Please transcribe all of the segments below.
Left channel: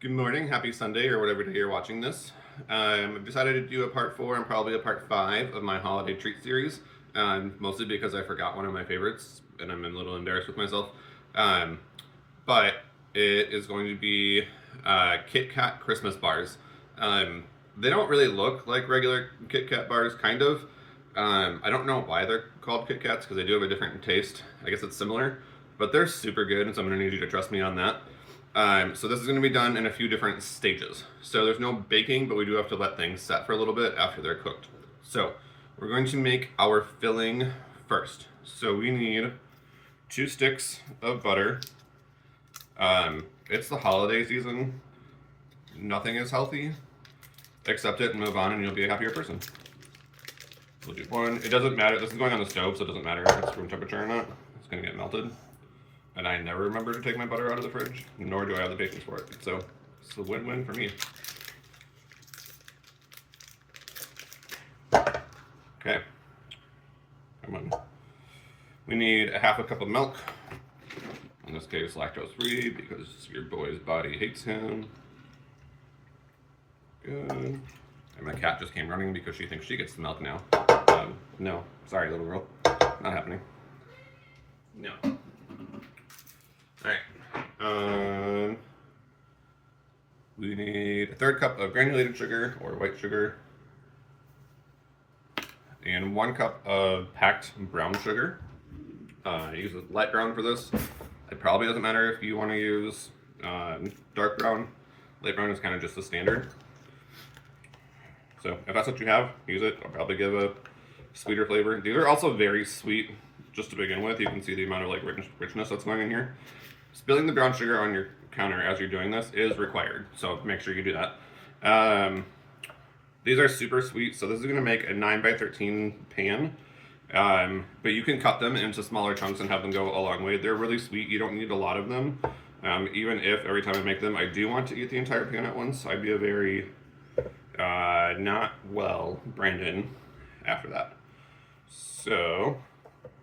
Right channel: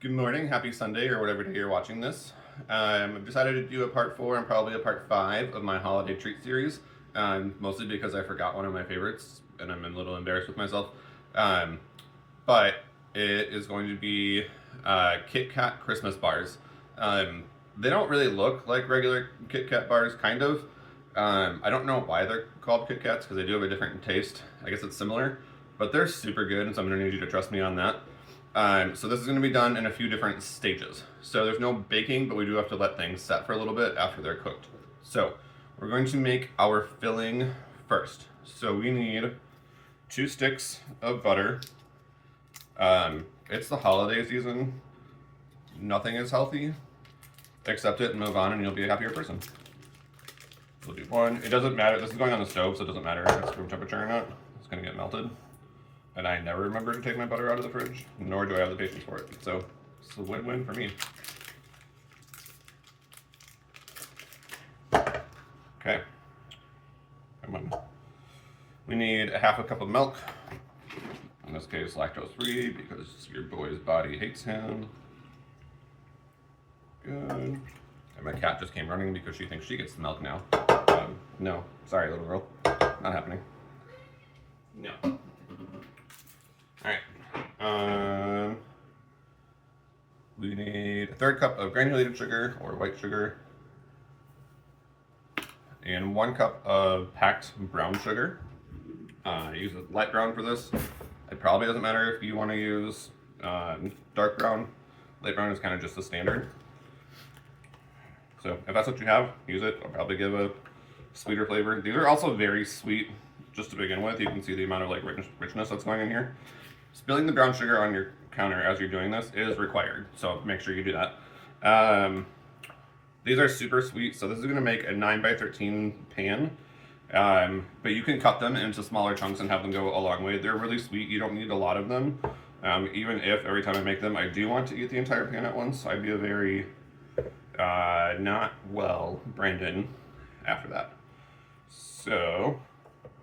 Good morning, happy Sunday, or whatever day you're watching this. I've decided to do a part 4 and probably a part 5 of my holiday treat series, mostly because I forgot one of my favorites and I'm a little embarrassed with myself. But it is going to be Kit Kat Christmas bars. They don't really look like regular Kit Kat bars, kind of. I don't know why they're called Kit Kats because they do have a different taste. I guess it's similar, but they're super good, and so I'm going to need you to trust me on that. So this is going to be done in a few different stages. So there's no baking, but we do have to let things set for a little bit after they're cooked. So we're going to make our filling first. So we need 2 sticks of butter. It's the holiday season. Nothing is healthy. Accept it and move on, and you'll be a happier person. We'll do 1. It doesn't matter. This is going on the stove, so it doesn't matter if it's room temperature or not. It's going to get melted. And I never remember to take my butter out of the fridge, nor do I have the patience for it. So it's a win-win for me. Okay. Come on. We need a half a cup of milk. In this case, lactose-free, because your boy's body hates him. Good. And my cat just came running because she thinks she gets the milk now. No. Sorry, little girl. Not happening. No. Alright. We need a 1/3 cup of granulated sugar or white sugar and 1 cup of packed brown sugar. I use a light brown for this. It probably doesn't matter if you want to use dark brown. Light brown is kind of just the standard. So if that's what you have, use it. I'll probably give a sweeter flavor. These are also very sweet just to begin with. You can see the amount of like richness that's going in here. Spilling the brown sugar on your counter as you're doing this is required, so make sure you do that. These are super sweet, so this is going to make a 9x13 pan, but you can cut them into smaller chunks and have them go a long way. They're really sweet. You don't need a lot of them, even if every time I make them I do want to eat the entire pan at once. I'd be a very not well Brandon after that. So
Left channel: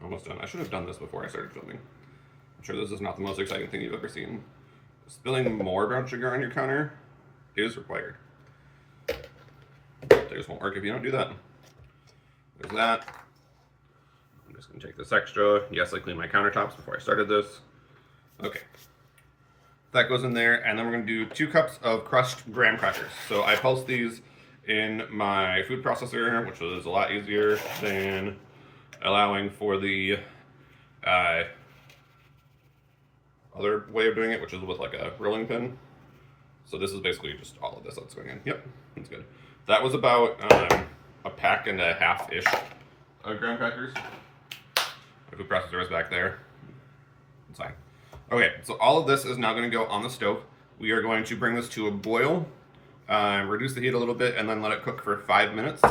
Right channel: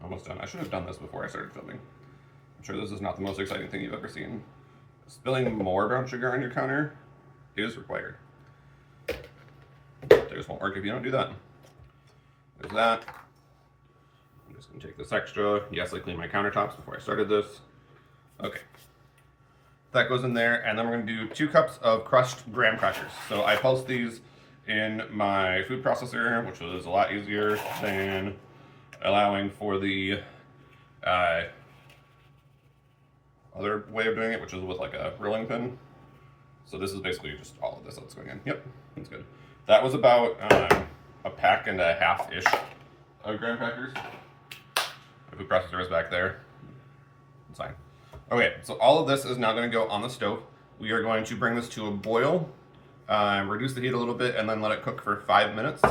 almost done. I should have done this before I started filming. I'm sure this is not the most exciting thing you've ever seen. Spilling more brown sugar on your counter is required. They just won't work if you don't do that. There's that. I'm just going to take this extra. Yes, I cleaned my countertops before I started this. Okay. That goes in there, and then we're going to do 2 cups of crushed graham crackers. So I pulsed these in my food processor, which was a lot easier than allowing for the other way of doing it, which is with like a rolling pin. So this is basically just all of this that's going in. Yep, that's good. That was about a pack and a half-ish of graham crackers. The food processor is back there. It's fine. Okay, so all of this is now going to go on the stove. We are going to bring this to a boil, reduce the heat a little bit, and then let it cook for 5 minutes.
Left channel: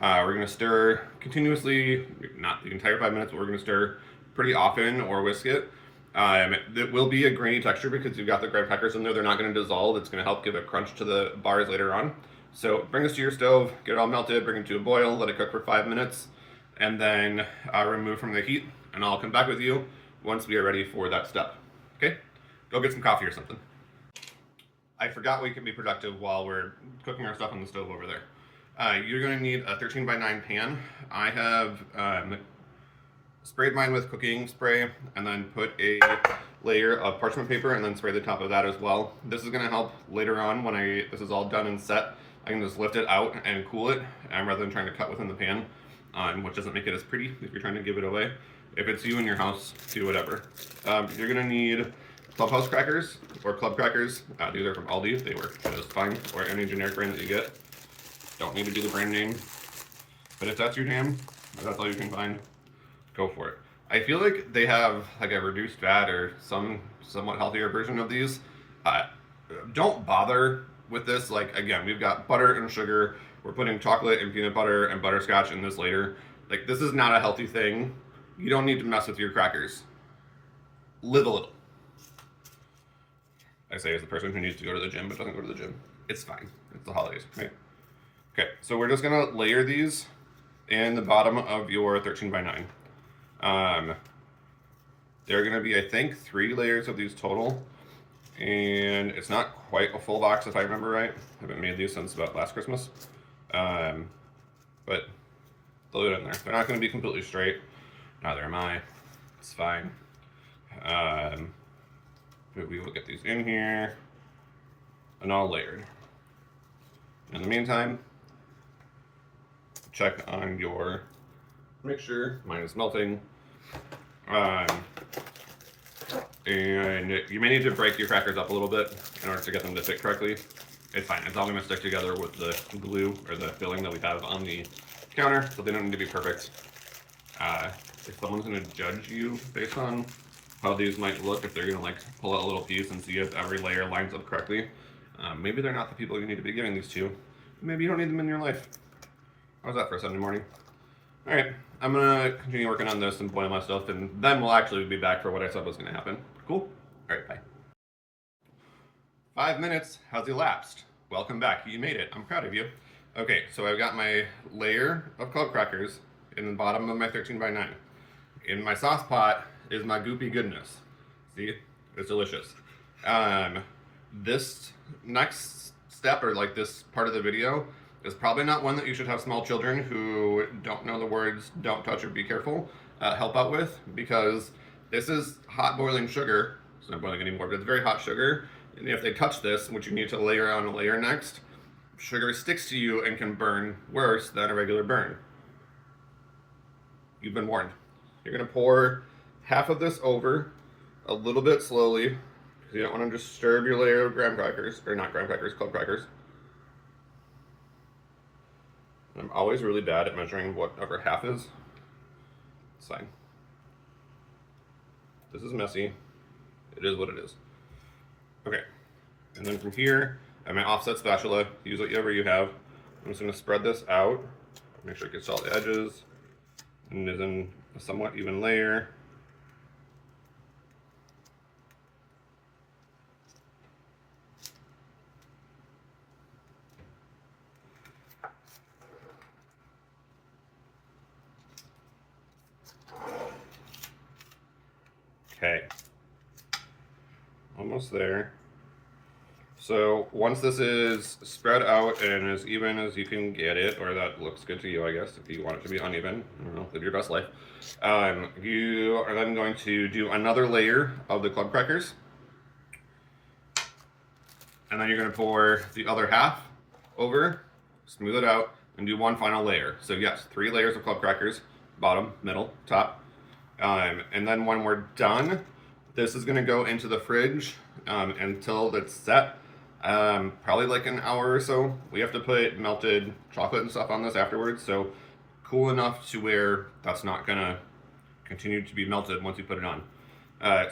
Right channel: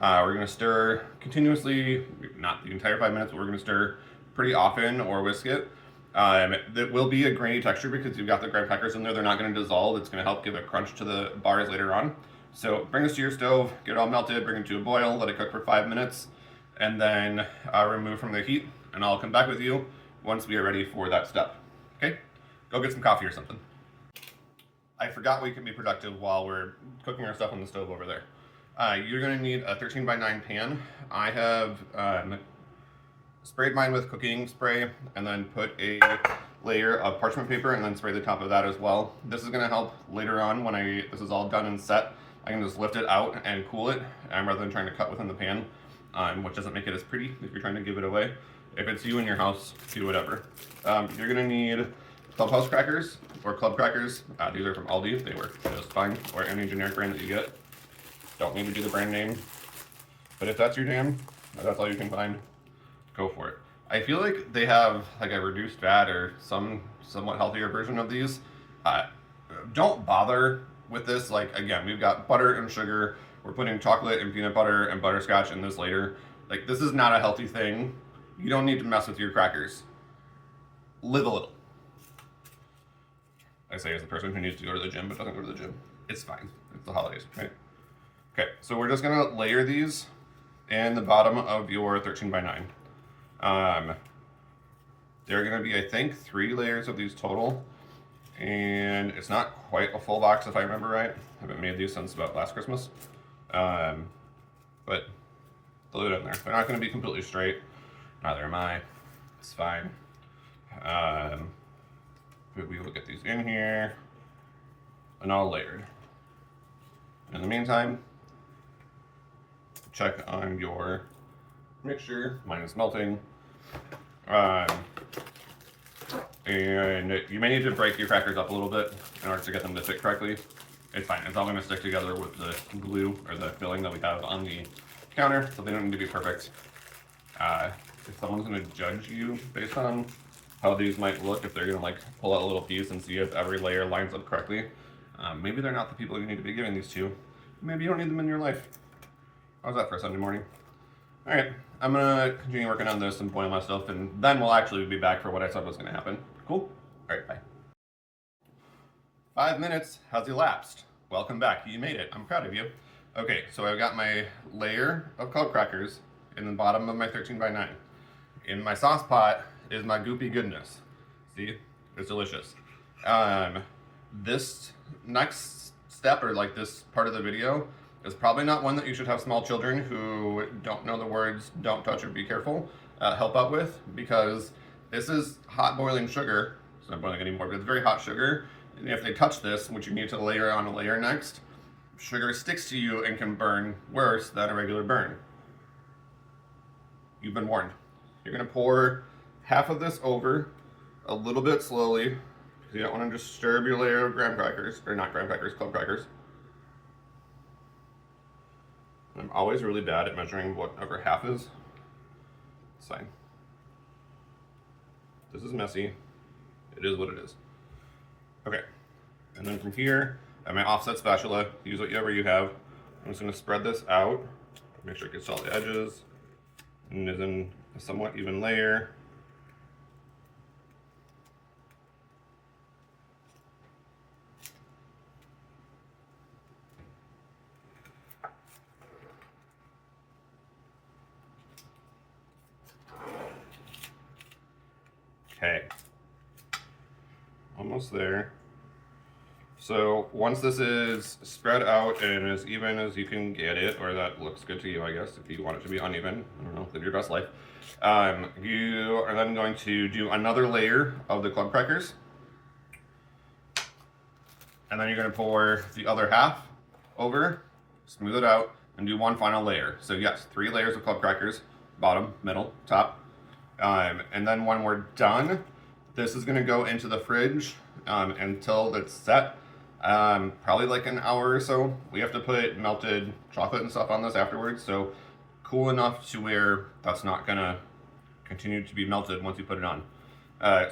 We're going to stir continuously, not the entire 5 minutes, but we're going to stir pretty often or whisk it. It will be a grainy texture because you've got the graham crackers in there. They're not going to dissolve. It's going to help give a crunch to the bars later on. So bring this to your stove, get it all melted, bring it to a boil, let it cook for 5 minutes, and then remove from the heat. And I'll come back with you once we are ready for that step. Okay? Go get some coffee or something. I forgot we can be productive while we're cooking our stuff on the stove over there. You're going to need a 13x9 pan. I have sprayed mine with cooking spray and then put a layer of parchment paper and then spray the top of that as well. This is going to help later on when this is all done and set. I can just lift it out and cool it rather than trying to cut within the pan, which doesn't make it as pretty if you're trying to give it away. If it's you in your house, do whatever. You're going to need Clubhouse crackers or club crackers. These are from Aldi. They work just fine, or any generic brand that you get. Don't need to do the brand name. But if that's your jam, if that's all you can find, go for it. I feel like they have like a reduced fat or somewhat healthier version of these. Don't bother with this. Like, again, we've got butter and sugar. We're putting chocolate and peanut butter and butterscotch in this later. Like, this is not a healthy thing. You don't need to mess with your crackers. Live a little. I say as the person who needs to go to the gym but doesn't go to the gym. It's fine. It's the holidays, right? Okay, so we're just gonna layer these in the bottom of your 13x9. There are going to be, I think, 3 layers of these total. And it's not quite a full box if I remember right. I haven't made these since about last Christmas. But they'll do it in there. They're not going to be completely straight. Neither am I. It's fine. We will get these in here and all layered. In the meantime, check on your mixture. Mine is melting. And you may need to break your crackers up a little bit in order to get them to fit correctly. It's fine. It's all going to stick together with the glue or the filling that we have on the counter, so they don't need to be perfect. If someone's going to judge you based on how these might look, if they're going to like pull out a little piece and see if every layer lines up correctly, maybe they're not the people you need to be giving these to. Maybe you don't need them in your life. How's that for a Sunday morning? All right, I'm gonna continue working on this and boil my stuff, and then we'll actually be back for what I said was gonna happen. Cool? All right, bye. 5 minutes has elapsed. Welcome back. You made it. I'm proud of you. Okay, so I've got my layer of cold crackers in the bottom of my 13 by 9. In my sauce pot is my goopy goodness. See? It's delicious. This next step, or like this part of the video, is probably not one that you should have small children who don't know the words "don't touch" or "be careful" help out with, because this is hot boiling sugar. It's not boiling anymore, but it's very hot sugar. And if they touch this, which you need to layer on a layer next, sugar sticks to you and can burn worse than a regular burn. You've been warned. You're gonna pour half of this over a little bit slowly, because you don't want to disturb your layer of graham crackers, or not graham crackers, club crackers. I'm always really bad at measuring whatever half is. It's fine. This is messy. It is what it is. Okay. And then from here, I have my offset spatula. Use whatever you have. I'm just going to spread this out. Make sure it gets all the edges. And is in a somewhat even layer. Okay, almost there. So once this is spread out and as even as you can get it, or that looks good to you, I guess, if you want it to be uneven, I don't know, live your best life. You are then going to do another layer of the club crackers. And then you're going to pour the other half over, smooth it out, and do one final layer. So yes, 3 layers of club crackers, bottom, middle, top. And then when we're done, this is going to go into the fridge until it's set. Probably like an hour or so. We have to put melted chocolate and stuff on this afterwards, so cool enough to where that's not going to continue to be melted once you put it on.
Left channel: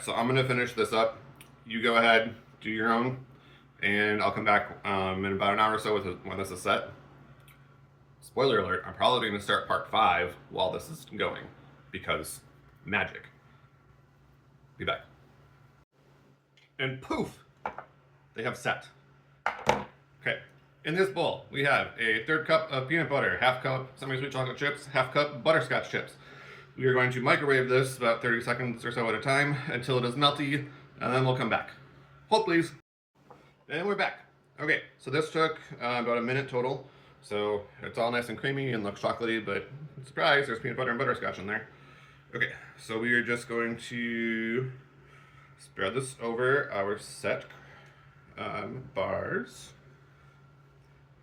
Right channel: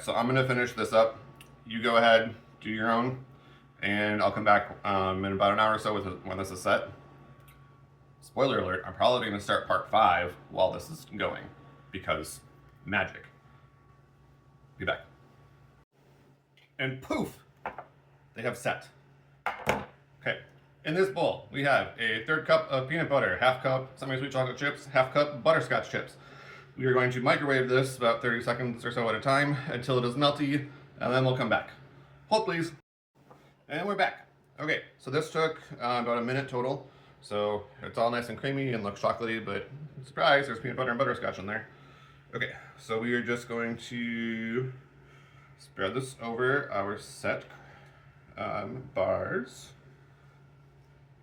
So I'm going to finish this up. You go ahead, do your own, and I'll come back in about an hour or so when this is set. Spoiler alert, I'm probably going to start part 5 while this is going, because magic. Be back. And poof, they have set. Okay, in this bowl we have a 1/3 cup of peanut butter, 1/2 cup semi-sweet chocolate chips, 1/2 cup butterscotch chips. We are going to microwave this about 30 seconds or so at a time until it is melty, and then we'll come back. Hold please. And we're back. Okay, so this took about a minute total. So it's all nice and creamy and looks chocolatey, but surprise, there's peanut butter and butterscotch in there. Okay, so we are just going to spread this over our set bars.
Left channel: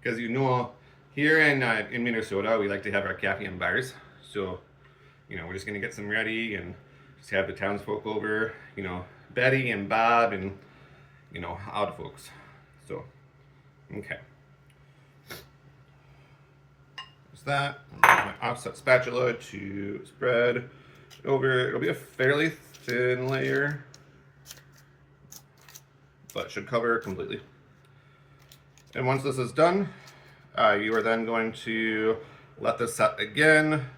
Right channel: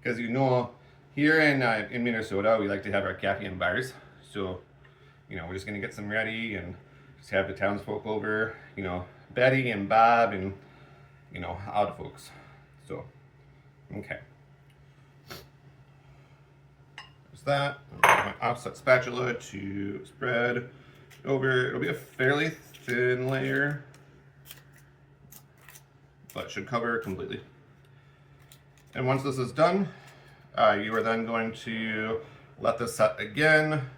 Because you know, here in Minnesota, we like to have our caffeine bars. So, you know, we're just gonna get some ready and just have the townsfolk over. You know, Betty and Bob and, you know, odd folks. So, okay. There's that. My offset spatula to spread over. It'll be a fairly thin layer, but should cover completely. And once this is done, you are then going to let this set again.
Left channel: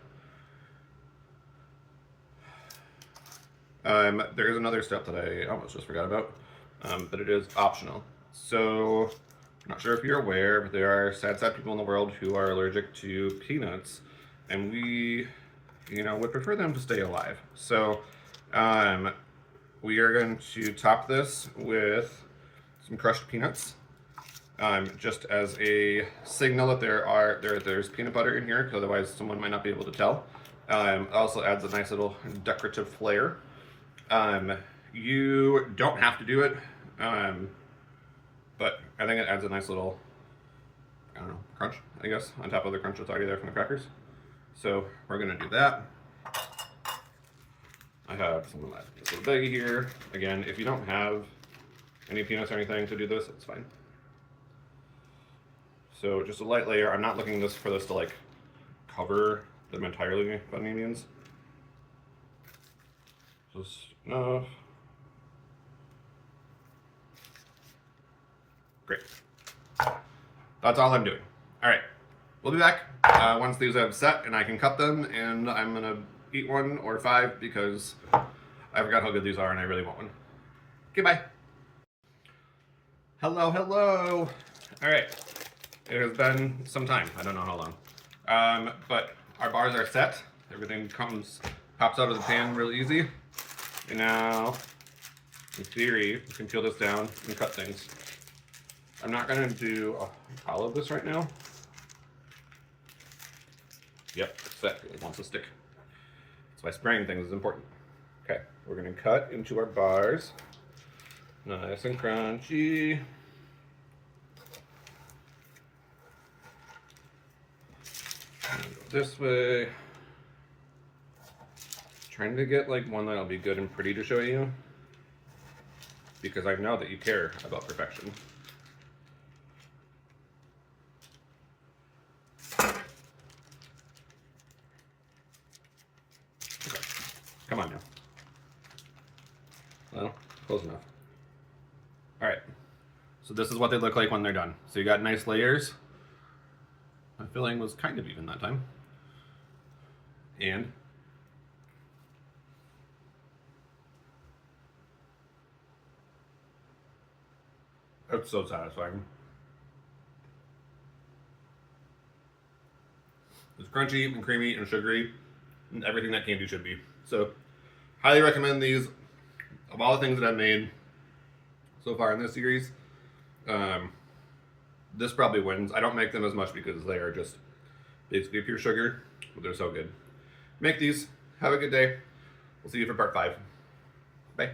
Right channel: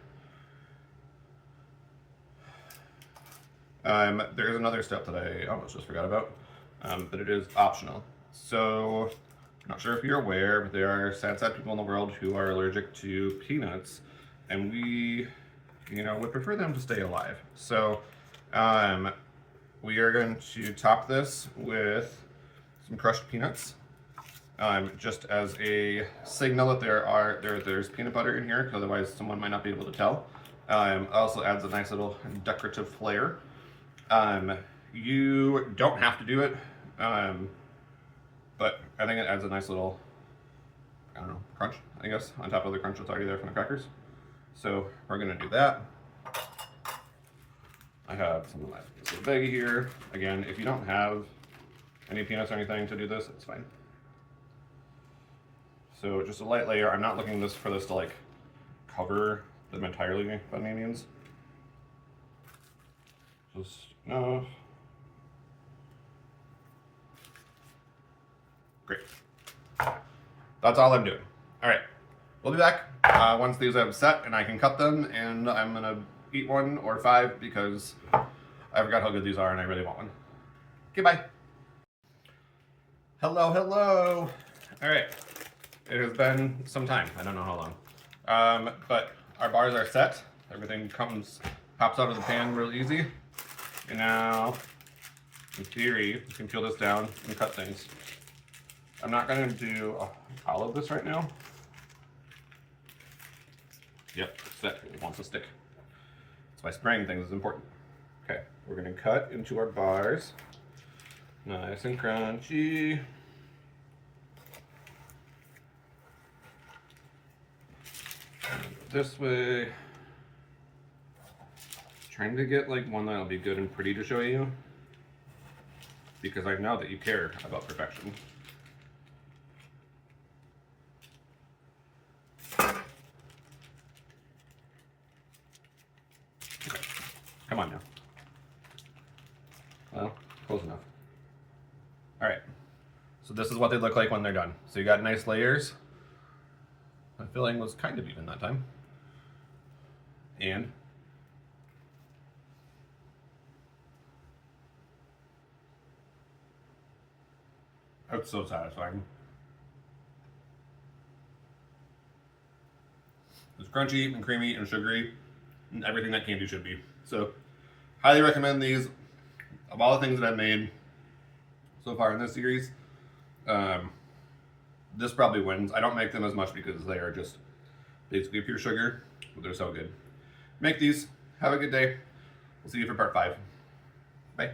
There is another step that I almost just forgot about, but it is optional. So, I'm not sure if you're aware, but there are sad people in the world who are allergic to peanuts, and we, you know, would prefer them to stay alive. So, we are going to top this with some crushed peanuts, just as a signal that there's peanut butter in here, because otherwise someone might not be able to tell. Also adds a nice little decorative flair. You don't have to do it, but I think it adds a nice little, I don't know, crunch, I guess, on top of the crunch that's already there from the crackers. So we're gonna do that. I have some of this little baggie here. Again, if you don't have any peanuts or anything to do this, it's fine. So just a light layer. I'm not looking for this to like cover them entirely by any means. Just enough. Great. That's all I'm doing. All right, we'll be back once these have set and I can cut them, and I'm gonna eat one or 5 because I forgot how good these are and I really want one. Okay, bye. Hello, hello. All right, it has been some time. I don't know how long, but our bars are set. Everything pops out of the pan real easy. And now, in theory, you can peel this down and cut things. I'm not gonna do all of this right now. Yep, set. It wants to stick. That's why spraying things is important. Okay, we're gonna cut into our bars. Nice and crunchy. This way. Trying to get like one that'll be good and pretty to show you, because I know that you care about perfection. Come on now. Well, close enough. All right. So this is what they look like when they're done. So you got nice layers. My filling was kind of even that time. And it's so satisfying. It's crunchy and creamy and sugary and everything that candy should be. So, highly recommend these. Of all the things that I've made so far in this series, this probably wins. I don't make them as much because they are just basically pure sugar, but they're so good. Make these. Have a good day. We'll see you for part 5. Bye.